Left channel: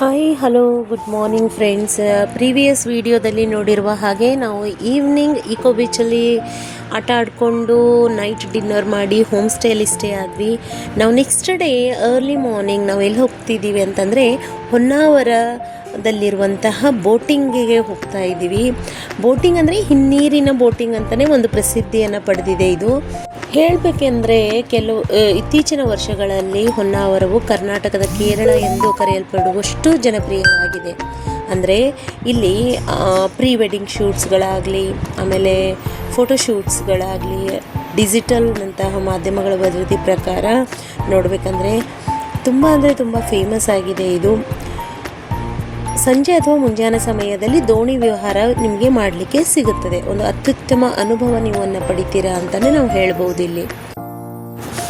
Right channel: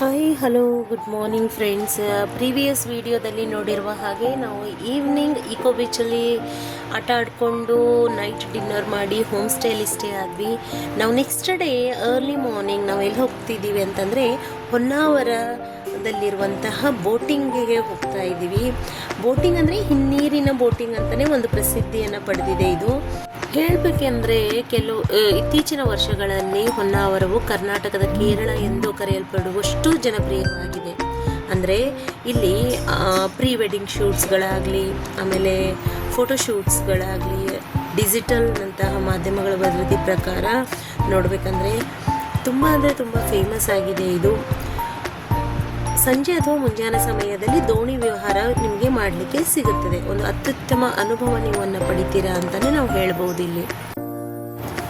Hi hello good morning friends. Previous ವಿಡಿಯೋದಲ್ಲಿ ನೋಡಿರುವ ಹಾಗೆ ನಾವು ಈವ್ನಿಂಗ್ ಇಕೋ ಬೀಚಲ್ಲಿ ಆಟ ಆಡಿಕೊಂಡು ನೈಟ್ ಡಿನ್ನರ್ ಮಾಡಿ ಹೋಮ್ ಸ್ಟೇಯಲ್ಲಿ ಸ್ಟೇ ಆದ್ವಿ. ನಾವು ನೆಕ್ಸ್ಟ್ ಡೇ ಅರ್ಲಿ ಮಾರ್ನಿಂಗ್ ನಾವು ಎಲ್ಲಿ ಹೋಗ್ತಿದ್ದೀವಿ ಅಂತಂದರೆ ಹೊನ್ನಾವರದಲ್ಲಿರುವಂತಹ ಬೋಟಿಂಗಿಗೆ ಹೋಗ್ತಾ ಇದ್ದೀವಿ. ಬೋಟಿಂಗ್ ಅಂದರೆ ಹಿನ್ನೀರಿನ ಬೋಟಿಂಗ್ ಅಂತಲೇ ಒಂದು ಪ್ರಸಿದ್ಧಿಯನ್ನು ಪಡೆದಿದೆ. ಇದು ಹೇಳಬೇಕೆಂದರೆ ಇತ್ತೀಚಿನ ವರ್ಷಗಳಲ್ಲಿ ಹೊನ್ನಾವರವು ಕರ್ನಾಟಕದ ಕೇರಳ ಎಂದು ಕರೆಯಲ್ಪಡುವಷ್ಟು ಜನಪ್ರಿಯವಾಗಿದೆ. ಅಂದರೆ ಇಲ್ಲಿ ಪ್ರೀ ವೆಡ್ಡಿಂಗ್ ಶೂಟ್ಸ್ಗಳಾಗಲಿ, ಆಮೇಲೆ ಫೋಟೋಶೂಟ್ಸ್ಗಳಾಗಲಿ, ಡಿಜಿಟಲ್ನಂತಹ ಮಾಧ್ಯಮಗಳ ವರದಿ ಪ್ರಕಾರ ನೋಡಬೇಕಂದ್ರೆ ತುಂಬ ಫೇಮಸ್ ಆಗಿದೆ. ಇದು ಸಂಜೆ ಅಥವಾ ಮುಂಜಾನೆ ಸಮಯದಲ್ಲಿ ದೋಣಿ ವಿಹಾರ ನಿಮಗೆ ಮಾಡಲಿಕ್ಕೆ ಸಿಗುತ್ತದೆ. ಒಂದು ಅತ್ಯುತ್ತಮ ಅನುಭವ ನೀವು ಪಡಿತೀರಾ ಅಂತಲೇ ನಾವು ಹೇಳ್ಬೋದು. ಇಲ್ಲಿ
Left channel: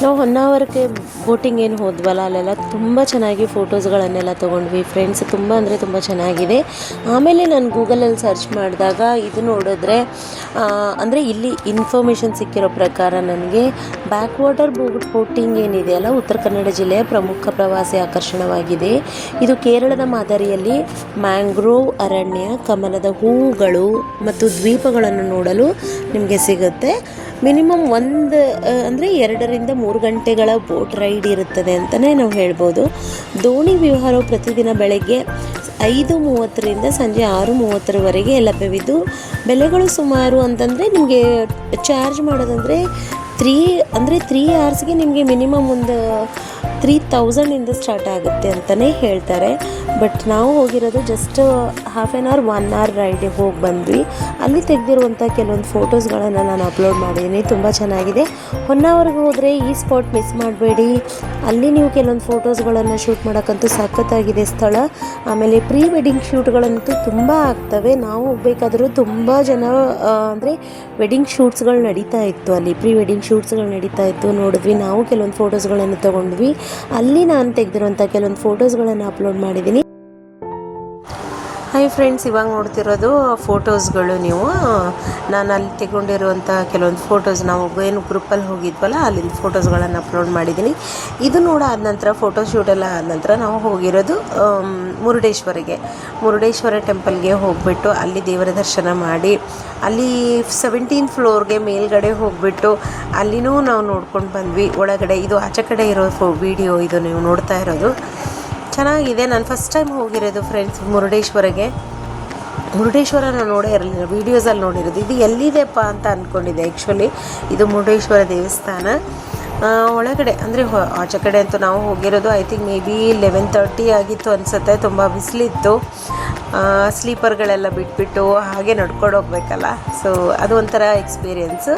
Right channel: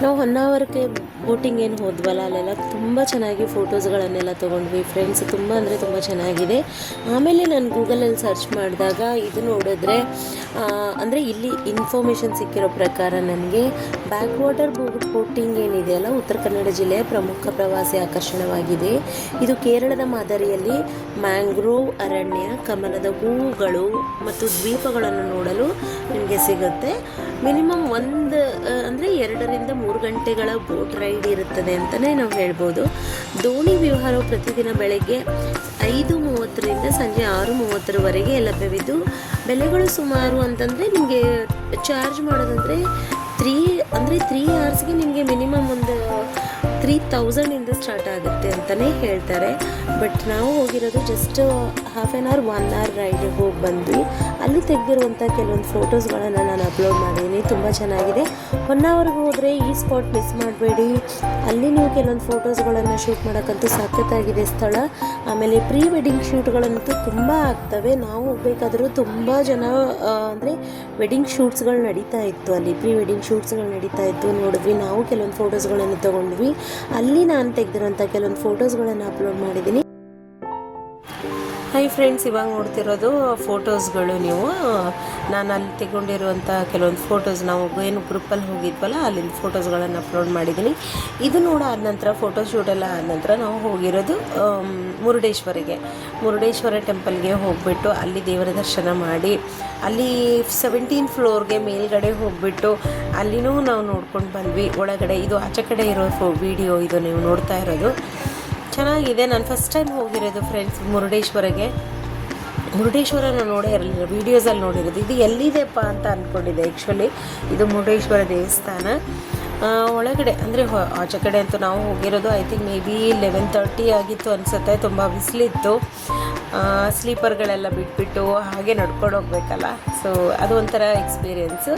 ನಾವು ಹೊನ್ನಾವರಕ್ಕೆ ಬೋಟಿಂಗ್ ಏನು ಹೋದ್ವಲ್ಲ, ಅಲ್ಲೆಲ್ಲ ತುಂಬ ಚೆನ್ನಾಗಿ ಫೋಟೋಸ್ಗಳನ್ನೆಲ್ಲ ತೊಗೊಂಡ್ವಿ ಫ್ರೆಂಡ್ಸ್. ತುಂಬ ಚೆನ್ನಾಗಿದೆ. ಆಮೇಲೆ ನಾನು ಗೂಗಲಲ್ಲಿ ಸರ್ಚ್ ಮಾಡಿದಾಗ ಇದು ನೋಡಿದ್ರೆ ಅಂದರೆ ಇಲ್ಲಿ ಇನ್ಫಾರ್ಮೇಷನ್ ಸಿಕ್ಕಿರೋ ಪ್ರಕಾರ ನನಗೆ ಬ್ಯಾಕ್ ವಾಟರ್ ಬೋಟಿಂಗ್ ಏನಿದೆಯಲ್ಲ, ಉತ್ತರ ಕನ್ನಡ ಜಿಲ್ಲೆಯ ಪ್ರಮುಖ ಪ್ರವಾಸಿ ಆಕರ್ಷಣವಾಗಿದೆ. ಇದು ಕೇರಳದ ಮಾದರಿಯಲ್ಲಿ ಮ್ಯಾಂಗ್ರೋವ್ ಅರಣ್ಯ, ಕಮಲದ ಹೂವುಗಳು ಮತ್ತು ದ್ವೀಪಗಳನ್ನು ನೋಡಲು ನಿಮಗೆ ಸಿಗುತ್ತೆ. ಮಿನಿಮಮ್ ಅಂದರೆ 2 ರಿಂದ 3 ಗಂಟೆಗಳ ಬೋಟ್ ರೈಡ್ ಇರುತ್ತದೆ ಅಂತಲೇ ನಾವು ಹೇಳ್ಬೋದು. ದೋಣಿ ವಿಹಾರವು ಪ್ರತಿದಿನ ಬೆಳಗ್ಗೆ 5:30 ರಿಂದ ಸಂಜೆ 6:30ವರೆಗೆ ಲಭ್ಯವಿದ್ದು, ಬೆಲೆಗಳು ಸುಮಾರು ಅಂತಂದರೆ ನಿಮಗೆ ಚಾರ್ಜ್ ಮಾಡೋದಂದರೆ 3 ಅವರ್ಸ್ಗೆ ನಿಮಗೆ ಮಿನಿಮಮ್ ಒಂದು 3000 ಸ್ಟಾರ್ಟ್ ಆಗುತ್ತೆ ಅಂತಲೇ ಹೇಳ್ತಾರೆ. ಬಟ್ ನಾವು ಹೋಗಿರೋದು just half an hour 1 hour ರೈಡಿಗೆ ಹೋಗಿ ಬಂದ್ವಿ. ಅಲ್ಲಿ ತೆಗೆದಿರುವಂಥ ಕೆಲವೊಂದು ಫೋಟೋಸ್ಗಳನ್ನು ನಾನು ಅಪ್ಲೋಡ್ ಮಾಡಿದ್ದೀನಿ. ತುಂಬ ಚೆನ್ನಾಗಿದೆ. ಹೊನ್ನಾವರ್ಗೆ ಹೋದರೆ ಈ ಸ್ಪಾಟ್ ಮಿಸ್ ಮಾಡಬೇಡಿ. ಅಲ್ಲಿ ನೀವು ಕೆಲವೊಂದು ಫೋಟೋಸ್ಗಳನ್ನು ಶೂಟ್ ಮಾಡೋಕ್ಕಂತೂ ಸಖತ್ತಾಗಿದೆ ಸ್ಥಳ. ಆಮೇಲೆ ಪ್ರೀ ವೆಡ್ಡಿಂಗ್ ಶೂಟ್ಗಳಂತೂ ತುಂಬ ಆಗ್ತವೆ. ನಾವು ಹೋಗ್ಬೇಕಾದ್ರೂ ತುಂಬ ಜನ ಅಂದರೆ ವೆಡ್ಡಿಂಗ್ ಶೂಟ್ಸ್ಗಳು ನಡೀತಾ ಇತ್ತು. ಅಲ್ಲಿ ಪ್ರೀ ವೆಡ್ಡಿಂಗ್ ಶೂಟ್ಸ್ಗಳು ನಡೀತಾ ಇತ್ತು, ನೋಡಿದ್ವಿ. ನಾವು ಕೆಲವೊಂದು ಫೋಟೋಸ್ಗಳನ್ನು ತೊಗೊಂಡ್ವಿ. ಅಲ್ಲಿ ನಾನು ತೆಗೆದಿರುವಂಥ ಕೆಲವೊಂದು ಫೋಟೋಸ್ಗಳನ್ನು ಅಪ್ಲೋಡ್ ಮಾಡಿದ್ದೀನಿ. ಹಾಯ್ ಫ್ರೆಂಡ್ಸ್, ಇವಾಗ ನೋಡ್ತಿರೋದು ಫೋಟೋಸ್ಗಳು. ನಾನು ಅಲ್ಲಿ ತೆಗೊಂಡಿರುವಂಥ ಕೆಲವೊಂದು ಫೋಟೋಸ್, ನಾವು ಏನು ಗ್ರೂಪಲ್ಲಿ ಹೋಗಿದ್ವಲ್ಲ ಅಲ್ಲಿ ಫೋಟೋಸ್ಗಳನ್ನು ಅಪ್ಲೋಡ್ ಮಾಡಿದ್ದೀನಿ. ಇದು ಆದ ನಂತರ ಫೋಟೋಶೂಟೆಲ್ಲ ಆದ ನಂತರ ನಾವು ಹೋಗಿರೋದು ಮುರುಡೇಶ್ವರ ಟೆಂಪಲ್ಗೆ ಹೋಗಿಬಿಟ್ಟು ಅಲ್ಲಿ ದೇವರ ದರ್ಶನ ಮಾಡಿ, ಅಲ್ಲಿ 17th ಫ್ಲೋರ್ಗೆ ಮೇಲ್ಗಡೆ ಹೋಗಿಬಿಟ್ಟು ಅಲ್ಲಿನೂ ನಾವು ನೋಡ್ಕೊಂಡು ಬಂದ್ವಿ. ಒಳಗಡೆ ಇದು ಆಚೆ ಕಡೆ ಇರೋ ವಿಡಿಯೋ ಇದು ನೀವು ನೋಡ್ತಾ ಇರೋದು. ಚೆನ್ನಾಗಿದೆ. ನಾನು ಫಸ್ಟ್ ಟೈಮ್ ಹೋಗಿರೋದು ಫ್ರೆಂಡ್ಸ್ ಮುರುಡೇಶ್ವರ ನಾನು ನೋಡೇ ಇರಲಿಲ್ಲ, ವೀಡಿಯೋಸಲ್ಲಿ ನೋಡಿರೋದು. ಇದು ಎಲ್ಲಿದೆಪ್ಪ ಅಂತ ಅಂದ್ಕೊಂಡಿದ್ದೆ. ಆ್ಯಕ್ಚುಲಿ ಇದು ಮುರುಡೇಶ್ವರ ದೇವಸ್ಥಾನ. ಒಳಗಡೆ ಅಂದರೆ ಆಚೆ ಕಡೆ ಅಂತೂ ನಾವು ಹೋಗಿರೋದು ಐ ಥಿಂಕ್ ಮೇ ಬಿ 11:30 ಆಗಿತ್ತು ಅನಿಸುತ್ತೆ. ತುಂಬ ಬಿಸಿಲಿತ್ತು. ಸ್ಲೀಪರ್ಗಳೆಲ್ಲ ಬಿಟ್ಬಿಟ್ಟು ಹಾಗೆ ನಡ್ಕೊಂಡು ಹೋಗ್ಬೇಕಲ್ಲ, ಸೊ ಅದು ಒಂಥರ ಎಕ್ಸ್ಪೀರಿಯೆನ್ಸು.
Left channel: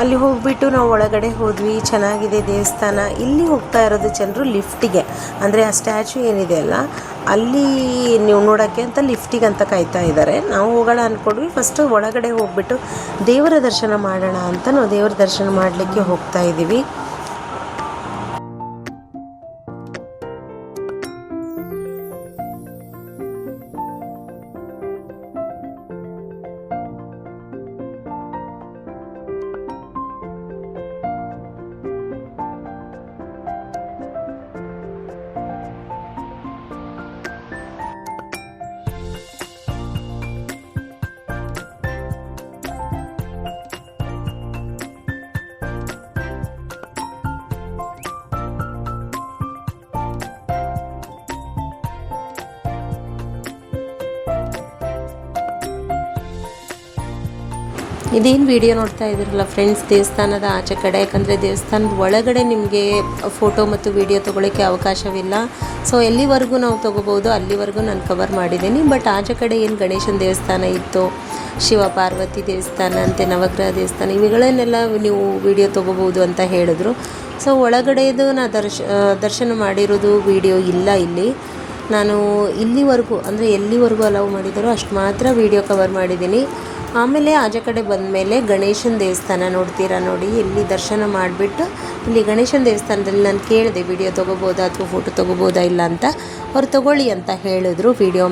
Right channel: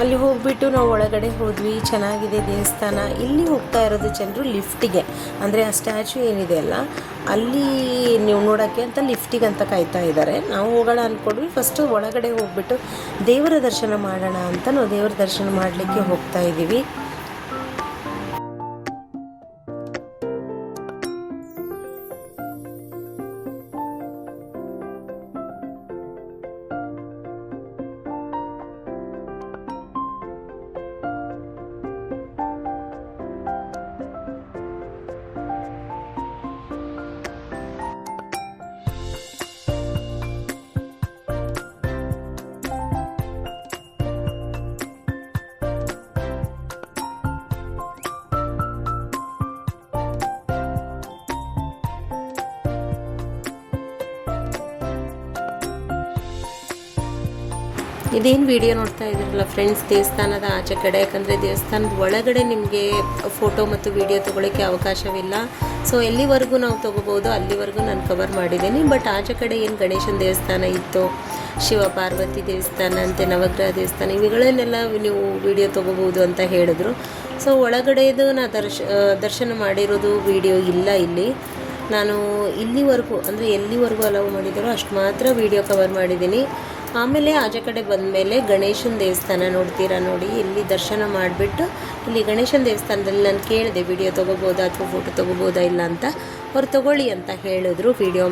ಅಲ್ಲಿ ಹೋಗಿಬಿಟ್ಟು ನಾವು ಒಳಗಡೆ ಹೋದ್ವಿ. ಚೆನ್ನಾಗಿದೆ ದೇವಸ್ಥಾನ. ಇಲ್ಲಿ ಹೋಗ್ತಾ ಇರೋದು ಜನರು ಲಿಫ್ಟಿಗೆ, ಅಂದರೆ ಆ ಸ್ಟ್ಯಾಚು ಏನಿದೆ ಅಲ್ಲ ಅಲ್ಲಿ ನೀವು ನೋಡೋಕ್ಕೆ ಅಂತ ಲಿಫ್ಟಿಗೆ ಅಂತ ಕಾಯ್ತಾ ಇದ್ದಾರೆ. ನಾವು ಹೋಗೋಣ ಅಂದ್ಕೊಂಡ್ವಿ. ಫಸ್ಟು ಒಳಗಡೆ ಹೋಗ್ಬಿಟ್ಟು ದೇವರ ದರ್ಶನ ಮಾಡೋಣ ಅಂತ ನಾವು ದೇವರ ದರ್ಶನ ಮಾಡಲಿಕ್ಕೆ ಹೋಗ್ತಾ ಇದ್ದೀವಿ. ಇದೇನು ವಿಡಿಯೋ ನೋಡ್ತಾ ಇದ್ದೀರಲ್ಲ ಫ್ರೆಂಡ್ಸ್, ದೇವಸ್ಥಾನದ ಆಚೆ ಕಡೆ. ಯಾಕಂದರೆ ದೇವಸ್ಥಾನದ ಒಳಗಡೆ ನಿಮಗೆ ಫೋಟೋ ಮತ್ತು ವಿಡಿಯೋ ತೊಗೊಳ್ಳೋಕ್ಕೆ ಅವಕಾಶವಿಲ್ಲ. ಸೊ ಎಲ್ಲಿವರೆಗೂ ನಾವು ತೊಗೋಬೋದು ಅಲ್ಲಿವರೆಗೂ ನಾನು ಕವರ್ ಮಾಡಿದ್ದೀನಿ. ಬಟ್ ಆಚೆ ಕಡೆ ಏನು ಗಣೇಶನ ದೇವಸ್ಥಾನ ಇತ್ತು, ಶಿವ ಪಾರ್ವತಿ ದೇವಸ್ಥಾನ ಅಂತೆ, ನವಗ್ರಹ ದೇವಸ್ಥಾನ, ಇವುಗಳನ್ನೆಲ್ಲ ನೀವು ವಿಡಿಯೋ ತೊಗೋಬೋದು ಅಂತ ಹೇಳಿದ್ರು. ಸೊ ಒಳಗಡೆದು ನಾನು ದರ್ಶನ ಮಾಡಿರೋದು ವಿಡಿಯೋ ಇಲ್ಲ ಇಲ್ಲಿ. ನಾನು ಇಲ್ಲಿವರೆಗೂ ಅಂದರೆ ಎಲ್ಲಿವರೆಗೂ ಅಲೌ ಮಾಡಿದ್ದಾರೋ ಅಷ್ಟು ಮಾತ್ರ ವಿಡಿಯೋ ಕವರ್ ಮಾಡಿದ್ದೀನಿ. ಆಮೇಲೆ ಆಚೆ ಕಡೆ ಬಂದಮೇಲೆ ಗಣೇಶನ ದೇವಸ್ಥಾನ ನೋಡ್ತೀರಾ ನೋಡಿ. ಇಲ್ಲಿ ದರ್ಶನ ಮಾಡಿಬಿಟ್ಟು ಇಲ್ಲಿ ಗಣೇಶನ ದೇವಸ್ಥಾನದಲ್ಲಿ ನಾನು ಕೇಳಿದೆ ವಿಡಿಯೋ ತೊಗೋಬೋದಾ ಅಥವಾ ಫೋಟೋ ತೊಗೋಬೋದಾ ಇಲ್ಲ ಅಂತ. ಅವ್ರು ತೊಗೊಳ್ಳಿ ಅಂತ ಹೇಳಿದ್ರು. ವಿಡಿಯೋ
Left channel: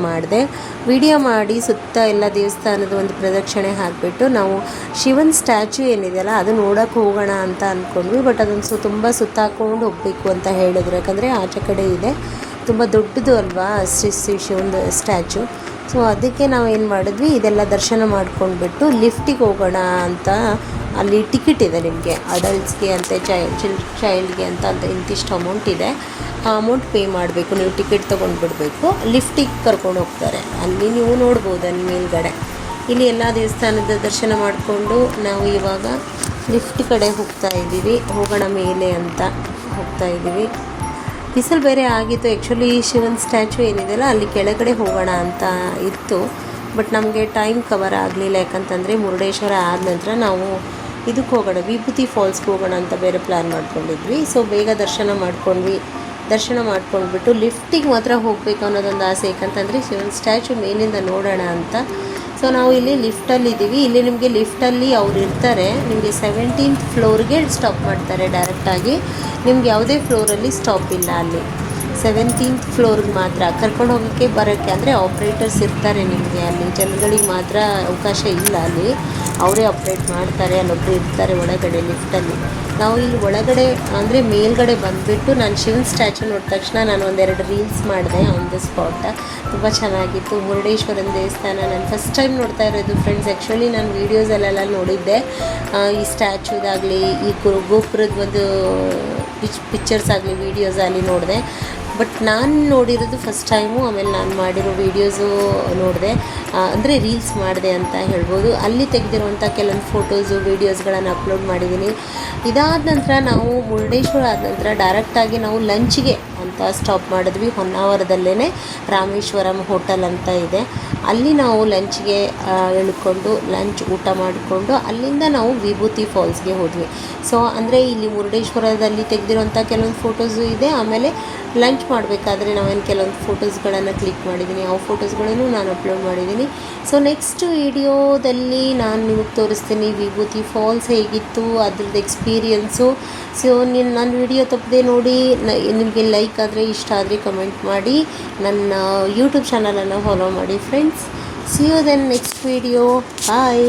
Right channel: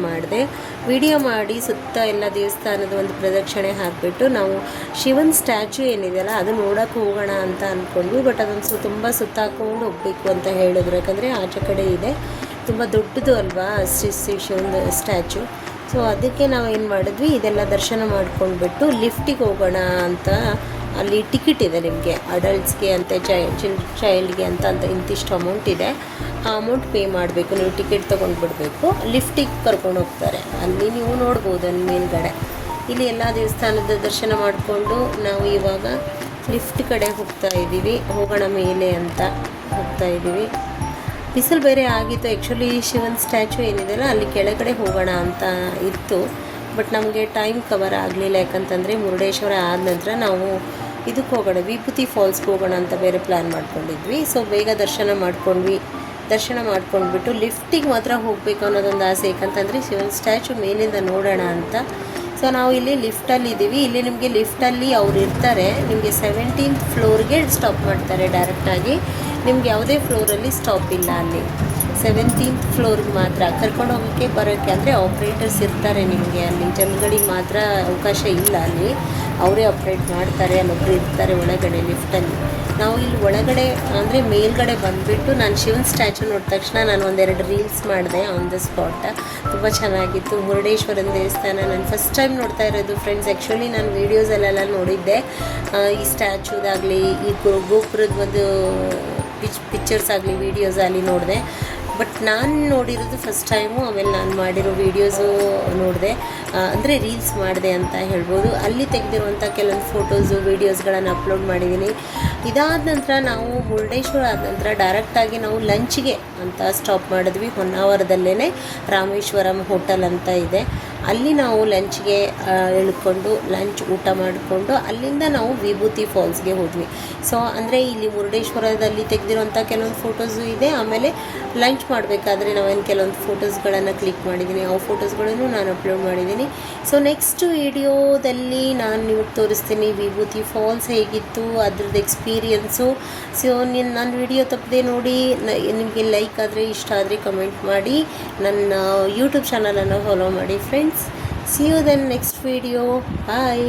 ಮಾಡಿ ಸುತ್ತ ಎಲ್ಲ ದೇವಸ್ಥಾನದ ಒಂದು ಪ್ರದಕ್ಷಿಣೆ ಹಾಕಿಬಿಟ್ಟು ನಾವು ಶಿವನ ಸ್ಟ್ಯಾಚು ಏನಿದೆಯಲ್ಲ ಅದು ನೋಡೋಕ್ಕೆ ಹೋಗೋಣ ಅಂತ ಅಂದ್ಕೊಂಡ್ವಿ. ಬಟ್ ಅದನ್ನು ತುಂಬ ಸುತ್ತಾಕೊಂಡು ಹೋಗಬೇಕು ಅಂತ ಹೇಳಿದ್ರು. ಯಾಕಂದರೆ ಆಚೆ ಕಡೆ ಇದೆ, ತುಂಬ ದೊಡ್ಡದು ಅಲ್ವಾ ಶ್ರೀ ಶಿವನ ಸ್ಟ್ಯಾಚು. ಸೊ ಅದಕ್ಕೆ ನಾವು ಏನು ಮಾಡಿದ್ವಿ, ಇದೆಲ್ಲ ದರ್ಶನ ಮಾಡ್ಕೊಂಡ್ಬಿಟ್ಟು ಲಿಫ್ಟಿಗೆ ಹೋಗೋಣ ಅಂತ. ಅಲ್ಲಿ ಟಿಕೆಟ್ ಇದೆ ನಿಮಗೆ, ಅಡಲ್ಟ್ಸ್ಗೆ ಅಂತ ಚೈಲ್ಡ್ಗೆ ಅಂತ ಇಂತಿಷ್ಟು ಅಮೌಂಟ್ ಇದೆ. ಆ ಅಮೌಂಟ್ ಪೇ ಮಾಡಬೇಕು, ನೀವು ಟಿಕೆಟ್ ತೊಗೊಂಡ್ಬಿಡ್ಬೇಕು. ಲಿಫ್ಟಿಗೆ ಕರ್ಕೊಂಡು ಹೋಗ್ತಾರೆ. ಅಲ್ಲಿ ನೀವು ನೋಡ್ಬೋದು ಅಲ್ಲಿ ಮೇಲ್ಗಡೆ. ಇಲ್ಲಿ ಎಲ್ಲ ದೇವಸ್ಥಾನದ ದರ್ಶನ ಮಾಡಿಕೊಂಡು ನಾವು ಇವಾಗ ಲಿಫ್ಟ್ ಕಡೆ ಹೋಗೋಣ ಮೇಲೆ ಅಂತ ಹೋಗ್ತಾ ಇದ್ದೀವಿ. ಬಿಸಿಲು ಬೇರೆ ಆಗಿತ್ತು. ಆ್ಯಕ್ಚುಲಿ ಶಿವನ್ ಸ್ಟ್ಯಾಚು ಏನಿದೆಯಲ್ಲ ಅಲ್ಲಿ ಕೆಳಗಡೆ ಹೋಗೋಣ ಅಂತ ಇತ್ತು, ಬಟ್ ನಮಗೆ ಟೈಮ್ ಕವರ್ ಆಗಲಿಲ್ಲ. ಯಾಕಂತಂದರೆ ಮುರುಡೇಶ್ವರ ಆದ ನಂತರ ನಾವು ಇದಕ್ಕೆ ಹೋಗೋಣ, ವಿಭೂತಿ ಫಾಲ್ಸ್ಗೆ ಹೋಗೋಣ ಅಂತ ಬೇರೆ ಪ್ಲ್ಯಾನ್ ಮಾಡ್ಕೊಂಡಿದ್ವಿ. ಸೊ ಬೇಗ ದರ್ಶನ ಮಾಡ್ಕೊಂಡ್ಬಿಟ್ಟು ಲಿಫ್ಟಿಗೆ ಮಾತ್ರ ಹೋಗಬೇಕು ಅನ್ನೋದೊಂದು ಆಸೆ. ಯಾಕಂತಂದರೆ ಶಿವನ್ ಸ್ಟ್ಯಾಚು ಮೇಲಿಂದ ನೋಡೋಣ ಅಂತ. ಸೊ ನಾವು ಇಲ್ಲಿ ಲಿಫ್ಟಲ್ಲಿದ್ದೀವಿ. ಇಲ್ಲಿ ನಿಮಗೆ ಲಿಫ್ಟಲ್ಲಿ ಅವ್ರು ಇರ್ತಾರೆ. ನಿಮಗೆ 17th ಫ್ಲೋರ್ಗೆ ಸ್ಟಾಪ್ ಮಾಡ್ತಾರೆ ಡೈರೆಕ್ಟಾಗಿ. ನಿಮ್ಗೆ ಯಾವುದೇ ಫ್ಲೋರಲ್ಲಿ ಸ್ಟಾಪ್ ಇಲ್ಲ. ಅಲ್ಲಿ 17th ಫ್ಲೋರ್ಗೆ ಮಾತ್ರ ಕರ್ಕೊಂಡು ಹೋಗೋಕ್ಕೆ ಬರೋಕ್ಕೆ, ಅಂದರೆ ಆಪ್ರೇಟರ್ಸ್ ಇರ್ತಾರೆ ನಿಮಗೆ. ಅಲ್ಲಿ ಜನಗಳಿಗೆ ಮಾತ್ರ ಅವಕಾಶ ಇಲ್ಲ. ಅಲ್ಲಿ ಅವರೇ ಆಪ್ರೇಟ್ ಮಾಡ್ತಾರೆ, ಅಲ್ಲೊಬ್ಬರು ಇರ್ತಾರೆ ಒಳಗಡೆ ಲಿಫ್ಟಲ್ಲಿ. ನಾವು ಇಲ್ಲಿ ಒಳಗಡೆ ಅಂದರೆ ಮೇಲ್ಗಡೆ ಬಂದುಬಿಟ್ಟು ನಾನು ಶಿವನ್ ಸ್ಟ್ಯಾಚು ನೋಡಿದ ತಕ್ಷಣ ನಾನು ಒಂದೆರಡು ರೀಲ್ಸ್ ಮಾಡಿದೆ ಆನ್ ದ ಸ್ಪಾಟ್. ತುಂಬ ಚೆನ್ನಾಗಿತ್ತು. ಮುರುಡೇಶ್ವರನ ದೇವಸ್ಥಾನ ನಾನು ಫಸ್ಟ್ ಟೈಮ್ ನೋಡ್ತಾ ಇರೋದು ಫ್ರೆಂಡ್ಸ್. ಆ್ಯಕ್ಚುಲಿ ನಾನು ವೀಡಿಯೋಸಲ್ಲೆಲ್ಲ ನೋಡಿದ್ದೆ, ಈ ಸ್ಟ್ಯಾಚುದಾಗಲಿ ಈ ಗೋಪುರದ ಒಂದು ಪಿಕ್ಚರ್ಸ್ ಆಗಲಿ ವೀಡಿಯೋಸ್ ಆಗಲಿ ನೋಡಿದೆ. ಬಟ್ ನಾನು ನೋಡಿರೋದು ಫಸ್ಟ್ ಟೈಮು. ಆಮೇಲೆ ನಾನು ಮಾಡಿರೋ ವೀಡಿಯೋಸು ನೋಡಿದೆ, ಅಂದರೆ ರೀಲ್ಸ್ ಮಾಡಿದೆ ಅಂತ ಹೇಳ್ಬೋದು. ಅಲ್ಲಿ ತೆಗೆದಿರುವಂಥ ಕೆಲವೊಂದು ಫೋಟೋಸು ವೀಡಿಯೋಸ್ಗಳನ್ನು ಅಪ್ಲೋಡ್ ಮಾಡಿದ್ದೀನಿ. ಇದಾದ ನಂತರ ನಾವು ಮುರುಡೇಶ್ವರ ಆದ ನಂತರ ಡೈರೆಕ್ಟಾಗಿ ನಾವು ಲಂಚ್ಗೆ ಅಂತ ಸ್ಟಾಪ್ ಮಾಡಿದ್ವಿ. ಹೊನ್ನಾವರದಲ್ಲೇ ರಾಮೇಶ್ವರಂ ಹೋಟೆಲ್ ಅಂತ ಇದೆ. ಅಲ್ಲಿ ನಾವು ಲಂಚ್ಗೆ ಇಳ್ಕೊಂಡು ಊಟ ಮಾಡಿಕೊಂಡು ಅಲ್ಲಿಂದ ನಾವು ವಿಭೂತಿ ಫಾಲ್ಸ್ಗೆ ಹೋದ್ವಿ. ಸೊ ಅಂದರೆ ಇಲ್ಲಿ ಮುರುಡೇಶ್ವರದಲ್ಲಿ ತೆಗೆದಿರುವಂಥ ಕೆಲವೊಂದು ಫೋಟೋಸು ಇದೆ. ಆಮೇಲೆ ಲಂಚ್ ಮಾಡಬೇಕಾದ್ರೆ ನಾವೇನು ಕೆಲವೊಂದು ಫೋಟೋಸ್ಗಳನ್ನು ಕ್ಲಿಕ್ ಮಾಡಿದ್ದೀನಿ, ಆ ಫೋಟೋಸ್ಗಳನ್ನು ನಾನು ಅಪ್ಲೋಡ್ ಮಾಡಿದ್ದೀನಿ. ಸೊ ನೆಕ್ಸ್ಟ್ ವಿಡಿಯೋದಲ್ಲಿ ನಾನು ನಿಮಗೆ ತೋರಿಸ್ತೀನಿ ವಿಭೂತಿ ಫಾಲ್ಸ್ ಹೇಗಿತ್ತು, ಅದ್ರದ್ದು ಎಕ್ಸ್ಪೀರಿಯನ್ಸು. ಸೊ ನನ್ನ ವಿಡಿಯೋ ತಪ್ಪದೆ ನೋಡಿ. ನಿಮಗೆ ಲೈಕ್ ಆದರೆ, ಇಷ್ಟ ಆದರೆ ಕಮೆಂಟ್ ಮಾಡಿ. ನನ್ನ ಯೂಟ್ಯೂಬ್ ಚಾನಲನ್ನು ಫಾಲೋ ಮಾಡಿ friends. See you then next video. Bye.